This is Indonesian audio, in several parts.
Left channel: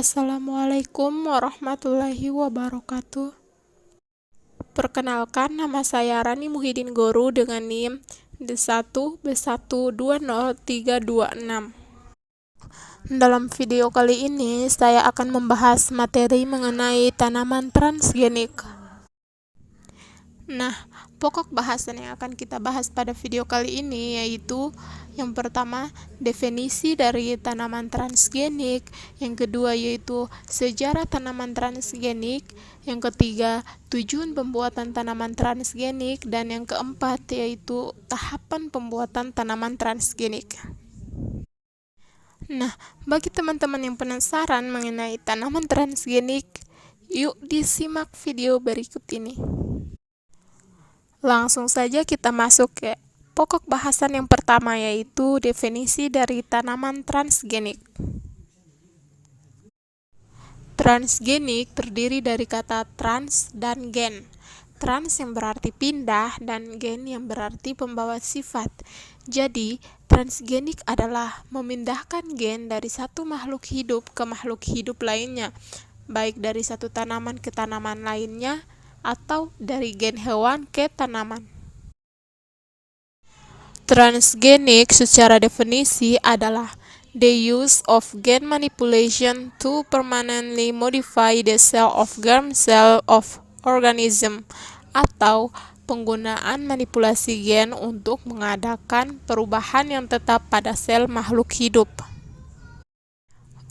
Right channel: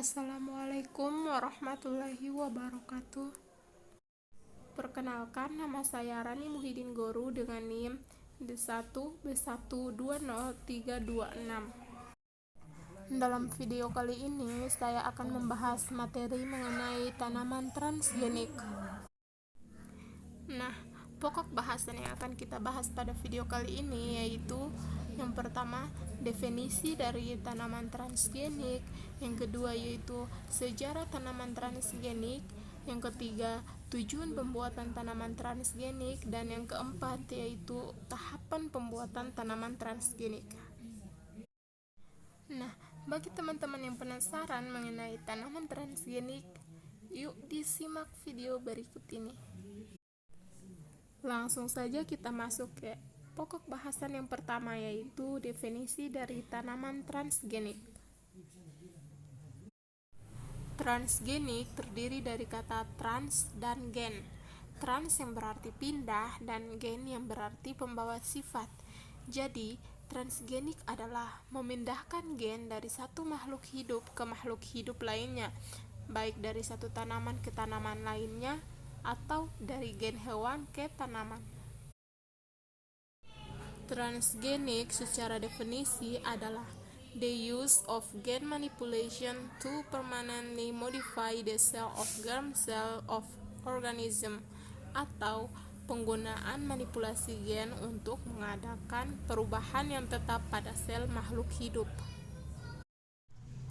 Assalamualaikum warahmatullahi wabarakatuh. Perkenalkan, nama saya Rani Muhyiddin Goru dengan NIM D1B120326. Dalam video kali ini, saya akan membahas materi mengenai tanaman transgenik. Nah, pokok bahasan yang akan kita bahas pada video kali ini yaitu yang pertama, definisi dari tanaman transgenik, yang kedua yaitu sejarah tanaman transgenik, yang ketiga, tujuan pembuatan tanaman transgenik, dan yang keempat yaitu tahapan pembuatan tanaman transgenik. Nah, bagi teman-teman yang penasaran mengenai tanaman transgenik, yuk disimak video berikut ini. Langsung saja kita masuk ke pokok bahasan yang pertama yaitu definisi dari tanaman transgenik. Transgenik terdiri dari kata trans dan gen. Trans yang berarti pindah dan gen yang berarti pembawa sifat. Jadi, transgenik adalah memindahkan gen dari satu makhluk hidup ke makhluk hidup lainnya, baik dari satu tanaman ke tanaman lainnya atau dari gen hewan ke tanaman. Transgenik secara definisi adalah the use of gen manipulation to permanently modify the cell of germ cell of organism, atau penggunaan manipulasi gen untuk mengadakan perubahan yang tetap pada sel makhluk hidup.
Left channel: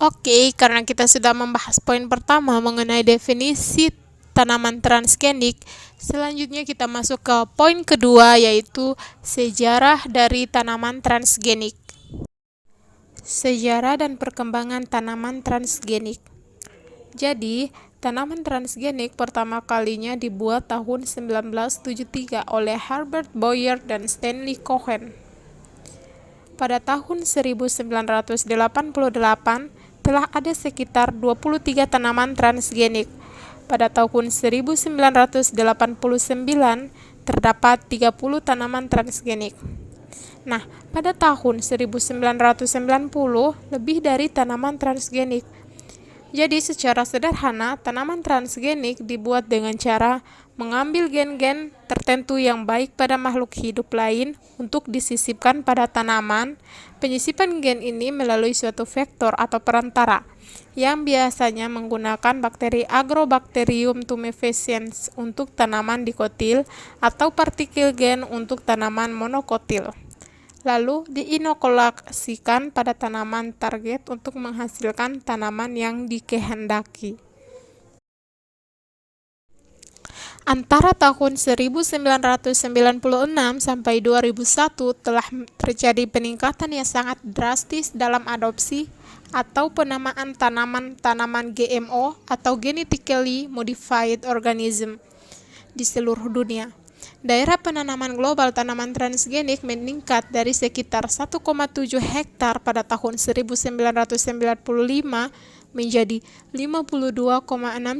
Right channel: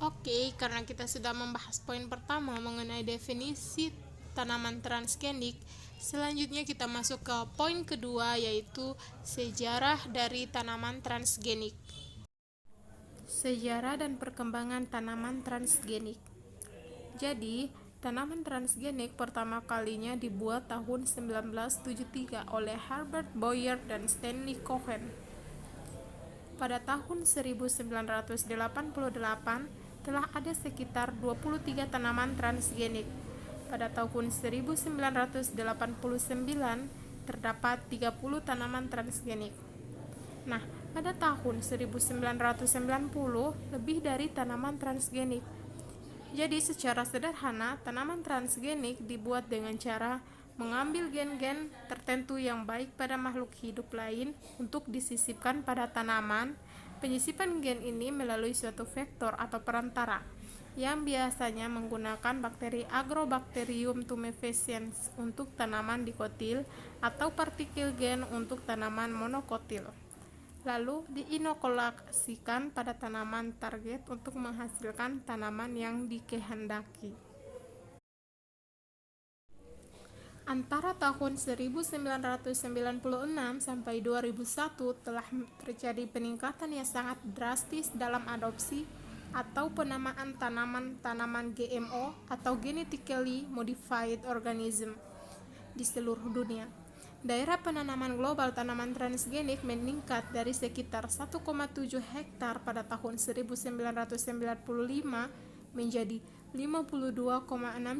Oke, karena kita sudah membahas poin pertama mengenai definisi tanaman transgenik, selanjutnya kita masuk ke poin kedua yaitu sejarah dari tanaman transgenik. Sejarah dan perkembangan tanaman transgenik. Jadi, tanaman transgenik pertama kalinya dibuat tahun 1973 oleh Herbert Boyer dan Stanley Cohen. Pada tahun 1988, telah ada sekitar 23 tanaman transgenik. Pada tahun 1989, terdapat 30 tanaman transgenik. Nah, pada tahun 1990, lebih dari tanaman transgenik. Jadi, secara sederhana, tanaman transgenik dibuat dengan cara mengambil gen-gen tertentu yang baik pada makhluk hidup lain untuk disisipkan pada tanaman. Penyisipan gen ini melalui suatu vektor atau perantara, yang biasanya menggunakan bakteri Agrobacterium tumefaciens untuk tanaman dikotil atau partikel gen untuk tanaman monokotil. Lalu diinokulasikan pada tanaman target untuk menghasilkan tanaman yang dikehendaki. Antara tahun 1996 sampai 2001 telah terjadi peningkatan yang sangat drastis dalam adopsi atau penamaan tanaman GMO atau genetically modified organism di seluruh dunia. Daerah penanaman global tanaman transgenik meningkat dari sekitar 1,7 hektar pada tahun 1995 menjadi 52,6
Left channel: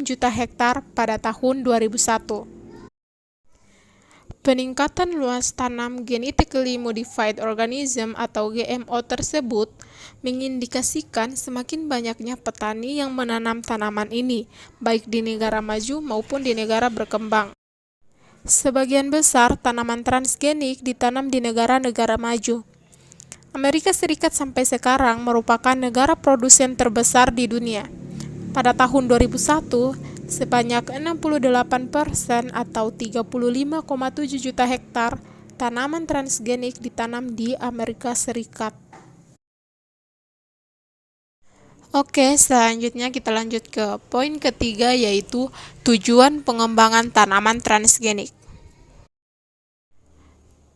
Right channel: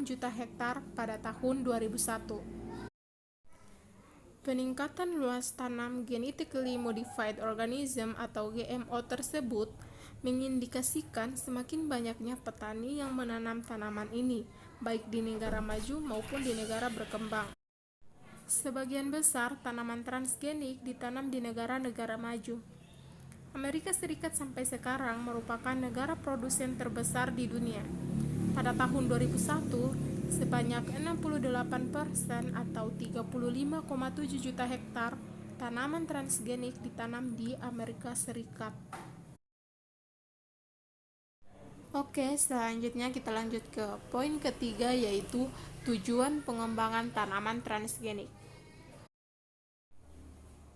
juta hektar pada tahun 2001. Peningkatan luas tanam genetically modified organism atau GMO tersebut mengindikasikan semakin banyaknya petani yang menanam tanaman ini, baik di negara maju maupun di negara berkembang. Sebagian besar tanaman transgenik ditanam di negara-negara maju. Amerika Serikat sampai sekarang merupakan negara produsen terbesar di dunia. Pada tahun 2001, sebanyak 68% atau 35,7 juta hektar tanaman transgenik ditanam di Amerika Serikat. Oke, selanjutnya kita lanjut ke poin ketiga yaitu tujuan pengembangan tanaman transgenik.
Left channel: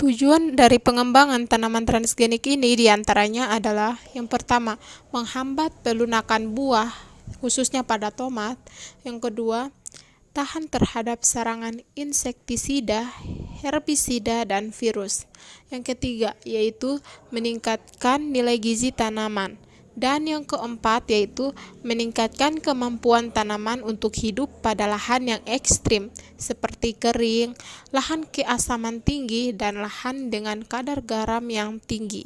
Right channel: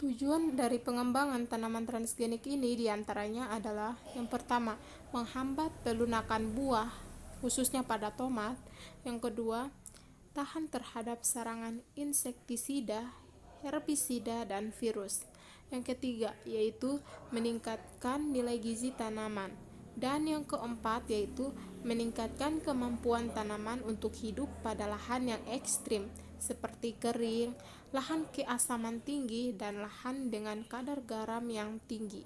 Tujuan dari pengembangan tanaman transgenik ini diantaranya adalah yang pertama, menghambat pelunakan buah, khususnya pada tomat. Yang kedua, tahan terhadap serangan insektisida, herbisida, dan virus. Yang ketiga, yaitu meningkatkan nilai gizi tanaman. Dan yang keempat yaitu meningkatkan kemampuan tanaman untuk hidup pada lahan yang ekstrim seperti kering, lahan keasaman tinggi, dan lahan dengan kadar garam yang tinggi.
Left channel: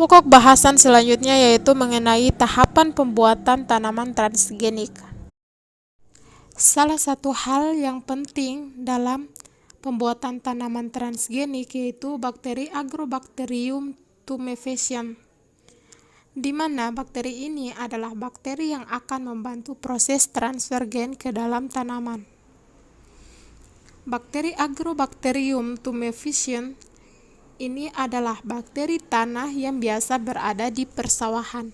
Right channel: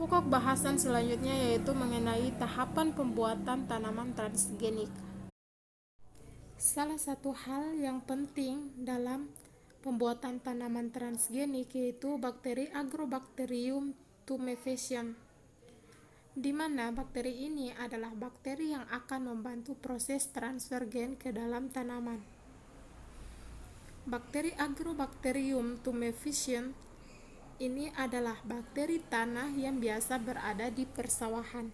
Pokok bahasan selanjutnya yaitu mengenai tahapan pembuatan tanaman transgenik. Salah satu hal yang penting dalam pembuatan tanaman transgenik yaitu bakteri Agrobacterium tumefaciens, di mana bakteri ini adalah bakteri yang akan membantu proses transfer gen ke dalam tanaman. Bakteri Agrobacterium tumefaciens ini adalah bakteri tanah yang biasa berada di persawahan.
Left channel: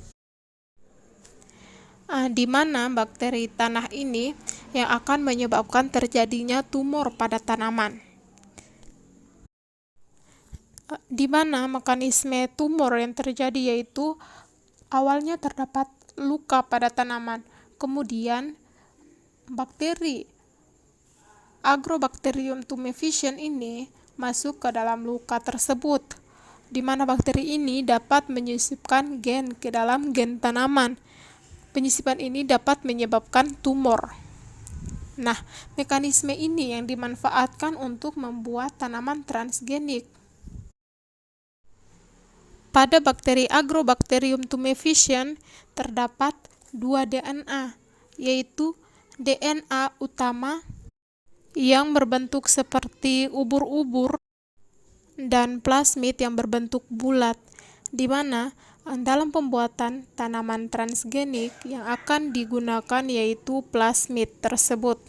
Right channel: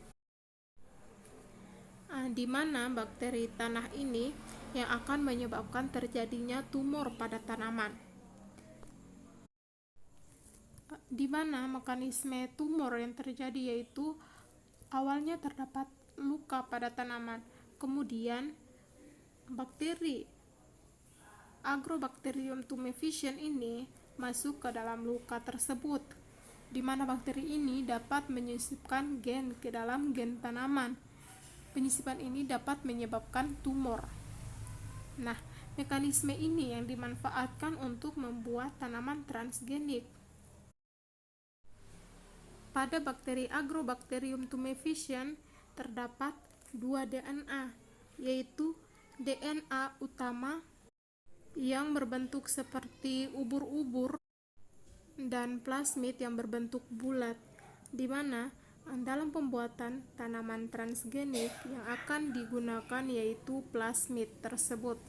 Di mana bakteri tanah ini yang akan menyebabkan terjadinya tumor pada tanaman. Di mana mekanisme tumor yang terjadi yaitu awalnya terdapat luka pada tanaman, kemudian bakteri Agrobacterium tumefaciens ini masuk ke dalam luka tersebut, di mana bakteri ini dapat menyisipkan gen ke dalam gen tanaman. Penyisipan ini dapat menyebabkan tumor. Nah, mekanisme ini yang dimanfaatkan untuk membuat tanaman transgenik. Pada bakteri Agrobacterium tumefaciens terdapat 2 DNA, yaitu DNA utama yang berbentuk seperti ubur-ubur dan plasmid yang berbentuk bulat, di mana dalam pembuatan tanaman transgenik yang akan digunakan yaitu plasmid tersebut.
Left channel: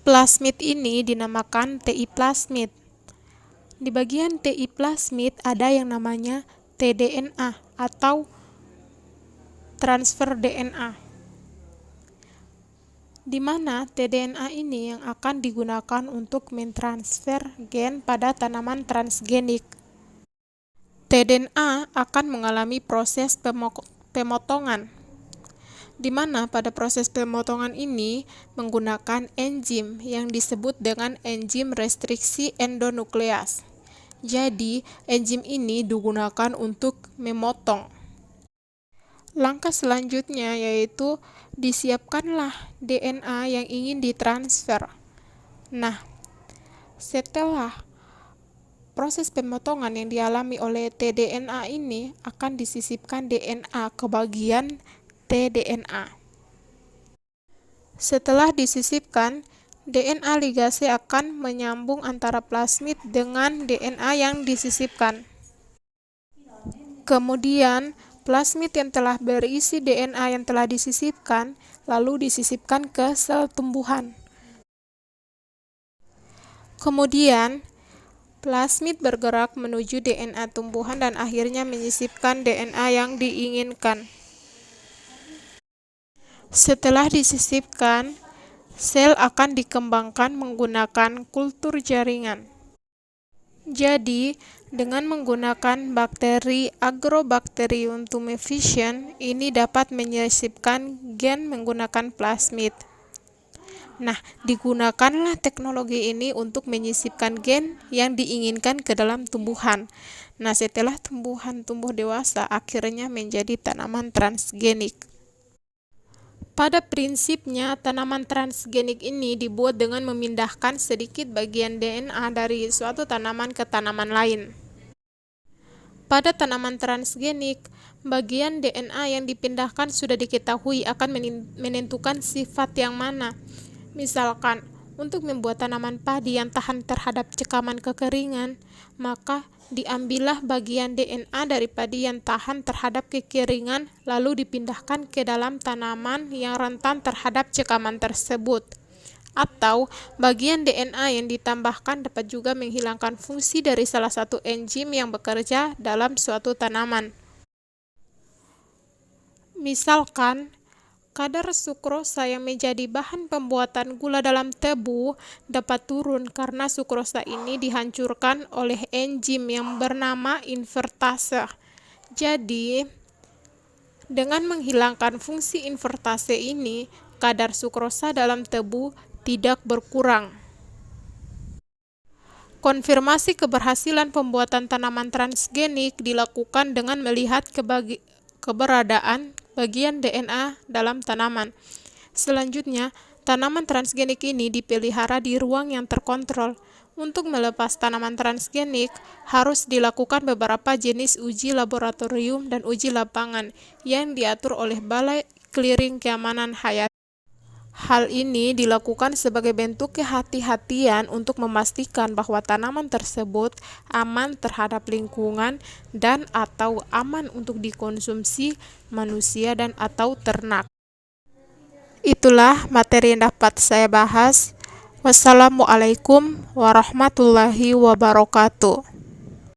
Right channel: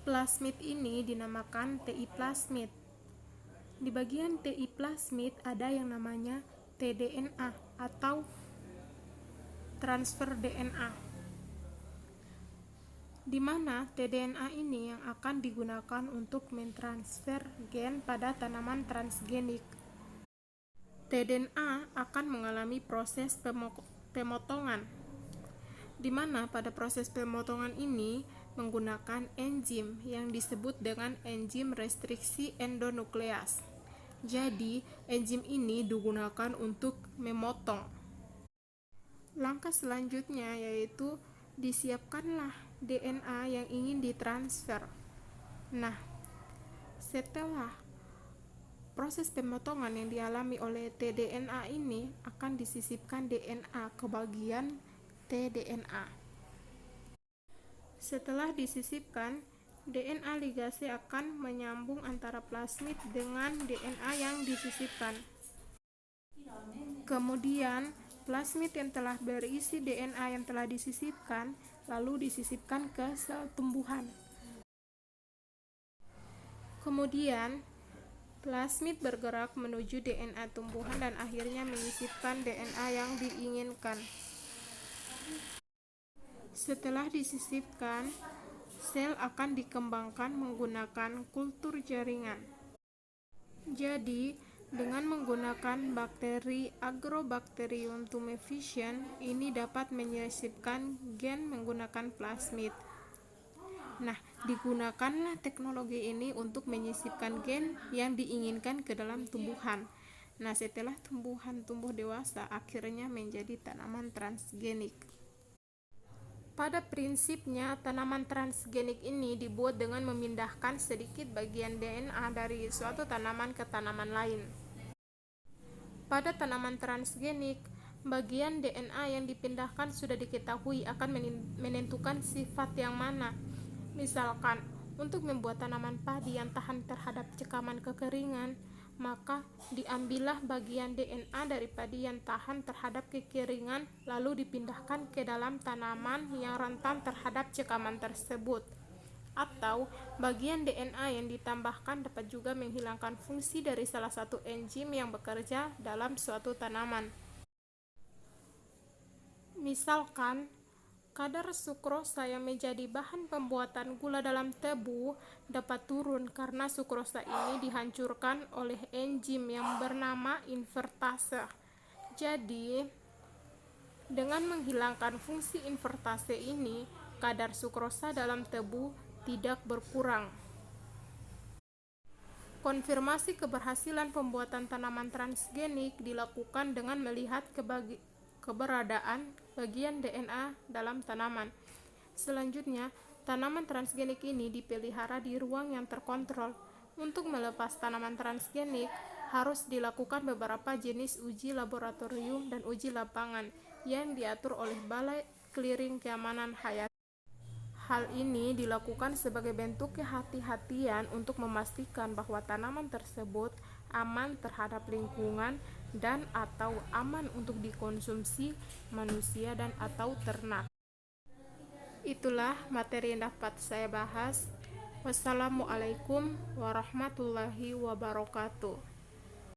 Plasmid ini dinamakan TI plasmid. Di bagian TI plasmid ada yang namanya tDNA atau transfer DNA, di mana tDNA ini yang akan digunakan untuk mentransfer gen pada tanaman transgenik. tDNA akan mengalami proses pemotongan, di mana pada proses pemotongan ini menggunakan enzim yang disebut dengan enzim restriksi endonukleas. Jadi, enzim ini digunakan untuk memotong. Langkah selanjutnya yaitu disiapkanlah DNA yang ingin ditransfer. Nah, setelah proses pemotongan yang dialami oleh tDNA ini akan disisipkan DNA ke bagian tDNA. Setelah disisipkan, DNA ligase akan menyambung antara plasmid dengan DNA yang disisipkan. Kemudian, plasmid yang telah berisi DNA yang telah disisipkan, lalu disisipkan ke sel tumbuhan. Kemudian, plasmid bergerak menuju DNA tumbuhan dan akhirnya menyisipkan DNA yang diinginkan. Setelah disisipkan, sel akan dikembangkan menggunakan kultur jaringan. Jadi, dengan menggunakan bakteri Agrobacterium tumefaciens, ini dapat menyisipkan gen menggunakan plasmid. Nah, digunakanlah teknologi ini untuk menyisipkan gen yang diinginkan ke dalam tumbuhan. Nah, setelah tumbuhan tumbuh dewasa, akhirnya menjadi tanaman transgenik. Pada prinsipnya, tanaman transgenik ini dibuat dengan memindahkan sedikit bagian DNA dari suatu tanaman ke tanaman lain. Pada tanaman transgenik, bagian DNA yang dipindahkan sudah diketahui akan menentukan sifat yang mana. Misalkan, untuk membuat tanaman padi yang tahan terhadap cekaman kekeringan, maka diambillah bagian DNA dari padi yang tahan terhadap kekeringan, lalu dipindahkan ke dalam tanaman yang rentan terhadap cekaman tersebut. Atau, bagian DNA yang ditambahkan dapat juga menghilangkan fungsi dari salah satu enzim yang bekerja dalam suatu tanaman. Misalkan, kadar sukrosa yang menjadi bahan pembuatan gula dalam tebu dapat turun karena sukrosa ini dihancurkan oleh enzim yang bernama invertase. Jadi, dengan menghilangkan fungsi invertase ini, kadar sukrosa dalam tebu tidak berkurang. Konfirmasi keberhasilan pembuatan tanaman transgenik dilakukan dengan melihat keberadaan bagian DNA dalam tanaman. Selanjutnya, tanaman transgenik ini dipelihara di ruang yang terkontrol. Untuk melepas tanaman transgenik, harus dilakukan beberapa jenis uji laboratorium dan uji lapangan yang diatur oleh Balai Clearing Keamanan Hayati. Hal ini dilakukan sebagai bentuk kehati-hatian untuk memastikan bahwa tanaman tersebut aman terhadap lingkungan dan atau aman untuk dikonsumsi manusia dan atau ternak. Itulah materi yang dapat saya bahas. Wassalamualaikum warahmatullahi wabarakatuh.